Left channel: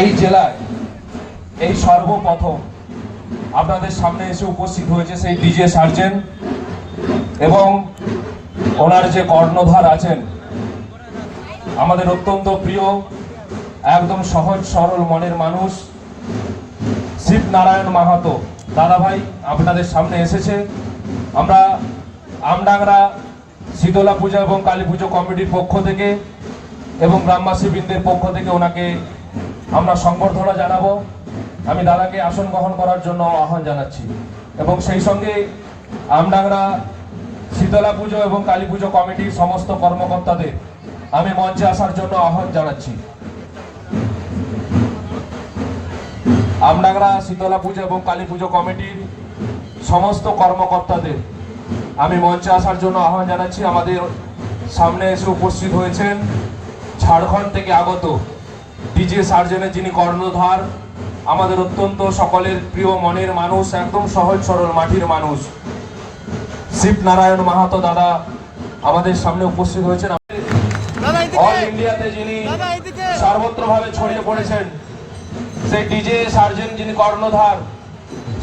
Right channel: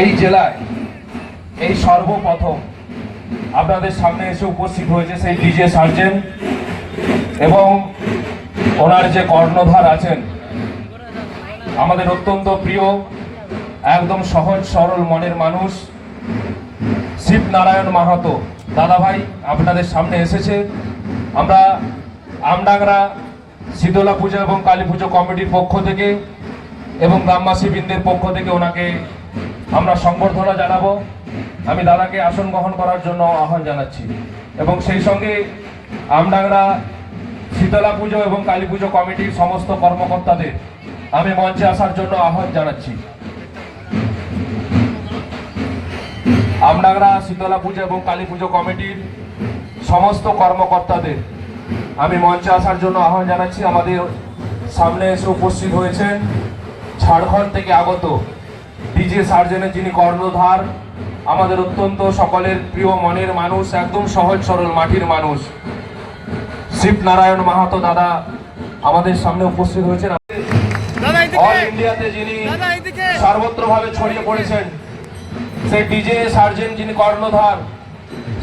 এই জেলায় এই সর্বপ্রথম আপনাদের সামনে এসে উপস্থিত হয়েছে সেই ডিজে সার্জেন এবং ওনার যে কর্ণধার আছেন, আমাদের অত্যন্ত প্রিয়, একদম সহজ সরল মনের মানুষ শিবনারায়ণ মাহাতো। দাদাভাই, আপনাদের সামনে এসেছে। আমরা আমডাংরা শীতলা পূজা এবং কালী পুজো কমিটির পক্ষ থেকে এবং গ্রামবাসী বৃন্দের পক্ষ থেকে ওনাকে আমরা সংবর্ধনা জানাব। আমি দাদাকে আসন গ্রহণ করার জন্য আহ্বান জানাচ্ছি। এবং সেই সঙ্গে আমডাংরা শীতলা পুজো এবং কালী পুজো কমিটির সমস্ত কর্মকর্তাদের আমি মঞ্চে আসার জন্য আহ্বান জানাচ্ছি। আমডাংরা শীতলা পুজো এবং কালী পুজো কমিটির সমস্ত কর্মকর্তাদের আমি মঞ্চে আসার জন্য আহ্বান জানাচ্ছি। আমাদের সামনে এসে উপস্থিত হয়েছেন ঝাড়খণ্ড থেকে আগত ডিজে সার্জেনের যিনি কর্ণধার আমাদের অত্যন্ত সকলের প্রিয় মনের মানুষ একদম সহজ সরল মাটির মানুষ। শিবনারায়ণ মাহাতো দাদা আমাদের সামনে উপস্থিত হয়েছেন। দাদা অল ইন্ডিয়াতে যিনি সর্বত্রভাবে ছড়িয়ে পড়েছেন সেই ডিজে সার্জেন যিনি কর্ণধার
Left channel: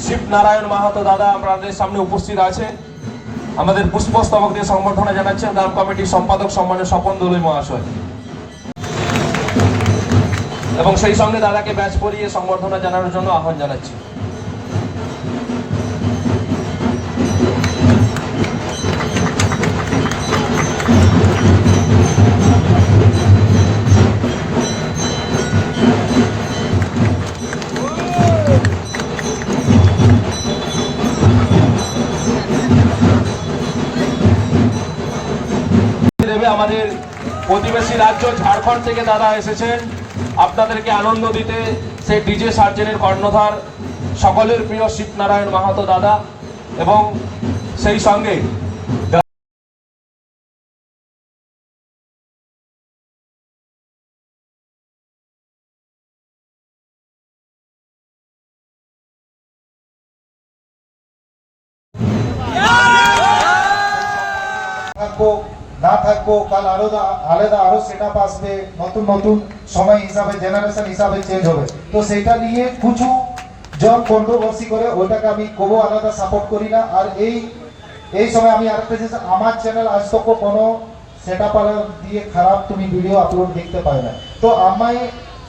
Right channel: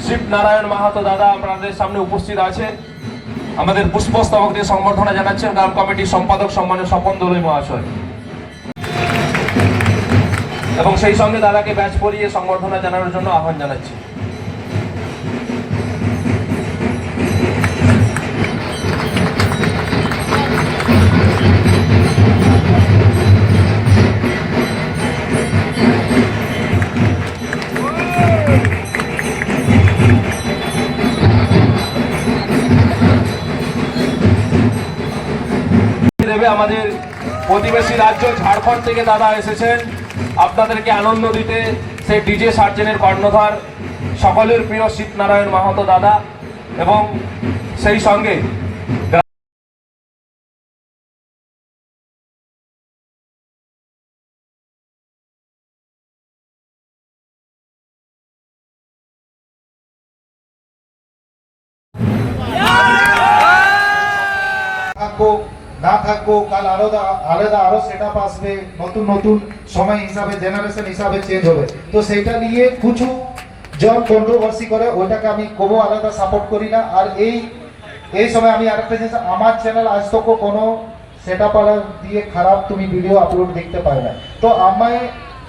শিবনারায়ণ মাহাতো দাদা আমাদের সামনে উপস্থিত আছে। আমাদের পুষ্পস্তবক দিয়ে সম্বর্ধনা জানাচ্ছেন গ্রাম কমিটির সম্পাদক সম্মানের স্বপন দলুই মহাশয়। এবং সেই সঙ্গে দাদাকে ব্যাচ পরিয়ে সম্বর্ধনা জানানোর জন্য আহ্বান জানাচ্ছি। আমাদের প্রতিবেশী রাজ্য ঝাড়খণ্ড থেকে দাদা এসেছেন। আপনাদেরকে আনন্দ দিতে সেই ডিজে সার্জেনের কর্ণধার সকলের প্রিয় শিবনারায়ণ মাহাতো দাদা এবং সেই সঙ্গে থাকব না থাকব, কাল আলাদা আলাদা আরও সেট আপ আসবে, নতুন নতুন সময় হিসাবে জেনারেশন হিসাবে চেঞ্জ হবে। তো সেটা নিয়ে কিছু জন কন্ট্রোভার্সি করে, ওটাকে আমি কোনো আলাদা সাপোর্ট করি না। আর এই এই সময় আমি আরেকটা জিনিস, আমার চ্যানেল আজ তক কোনো সেট দিয়ে খারাপ তুমি ভিডিও আপলোড দেখতে পাবে না। তো আমায়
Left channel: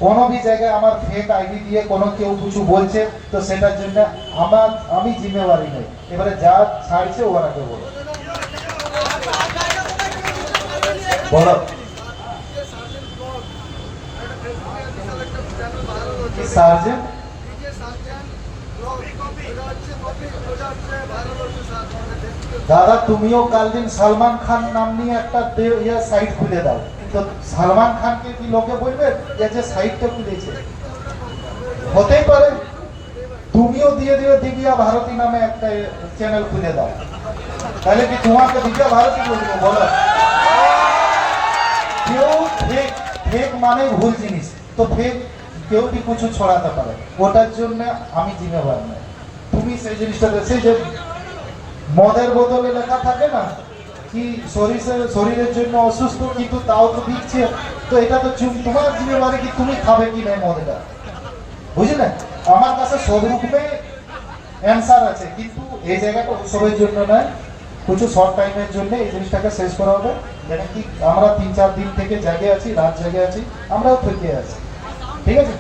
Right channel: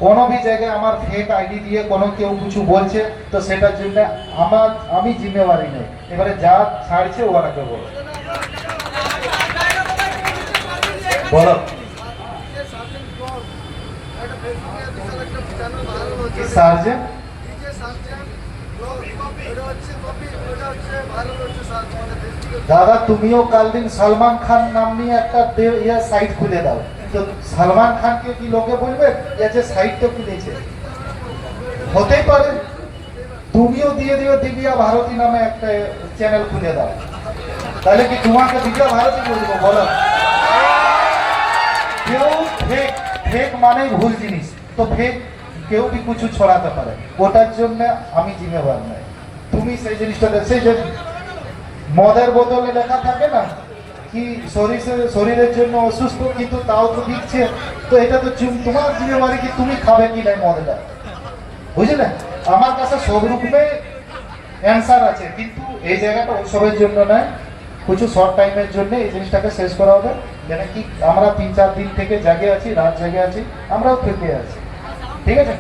কোনো বি জায়গায় আমার ফেক আইডি দিয়ে কোনো কেউ কিছু বলছে, তো সেটার জন্য আমার, আমি জিম্মেবারি নেই। এবারে যা ছাড়ছে ওরাকে বলো দাদা, তুমিও কাল দিন সালমান খান নাম নিয়ে একটা ইয়া সাইট খুলে দাও। তো সালমান খানকে কি লোকে বলবে? এ যে সাইট তো খুলেছে? হতেই পারে। তুমিও দিয়ে দিও দিব্যা ভারতী নামে একটা চ্যানেল খুলে দাও। তাহলে কি তোমাকে দিব্যা ভারতী বলব? বলো। ফেক মানে ভুল জিনিস। তো ফেক কেউ কি কিছু ছড়াতে পারে? ওটার জন্য আমি জিম্মেবার নই। তুমি সেই জিনিসটা সেই যে মদের বোতলে লেখা থাকে না কি শরীরের শরীরের জন্য অসুস্থ কিন্তু তাও তো দিচ্ছে। তো এটা তো তোমার জিম্মেবারি কি তুমি খাবে কি নাই মদটা বুঝলে? আমার কাছে সব রকমে অ্যান্সার আছে, কিন্তু এই জায়গাটা ওসবের জন্য নয়। কিছু শর্ট টাইমের জন্য এই জিনিসটাকে শেষ করা হবে। যেটা কি আমরা তিন চার দিন থেকে জাগে আছি, রাত জাগে আছি, আমরাও থেকে আছি। ঠিক আছে?